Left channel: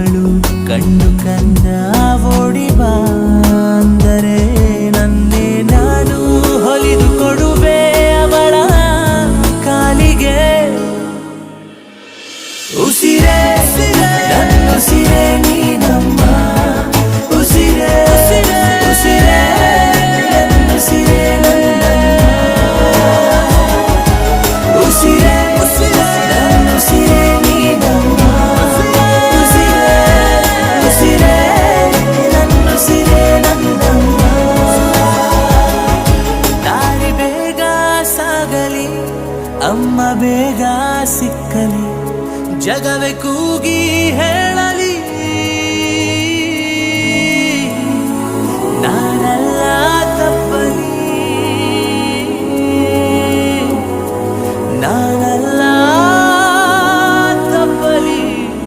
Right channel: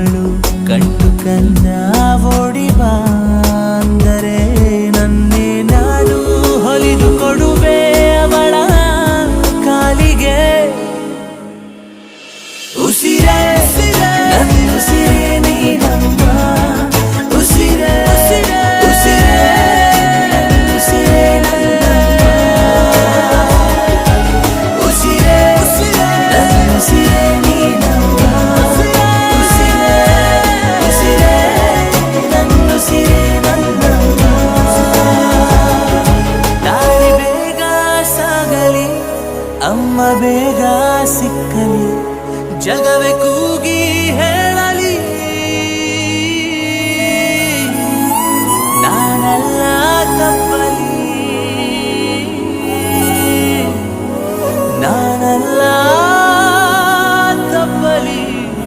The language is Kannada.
ಅವಳು ಕಂಡು ಕಂದ ಓಡಿ ಬಂದರೆ ನನ್ನೇ ನಾನು ಹೊಲಿದು ಕೊಡುವೆ ಅವಳ ಕಾಲಿಗೆ. ಉಸಿರೇ ನನ್ನುಸಿರೇ ನೀನಮ್ಮ, ಉಸಿರೇ ಉಸಿರೇ ನನ್ನುಸಿರೇ ನನ್ನಮ್ಮ, ಉಸಿರೇ ಉಸಿರೇ ನನ್ನುಸಿರೇ ನೀನಮ್ಮ, ಉಸಿರೇ ಉಸಿರೇ ನನ್ನುಸಿರೇ ನನ್ನಮ್ಮ. ದಾರಿ ಬೇಗ ಸಾಗಲಿ, ಅಮ್ಮ ಬೇಗ ಸಿಕ್ಕಲಿ, ಜಗ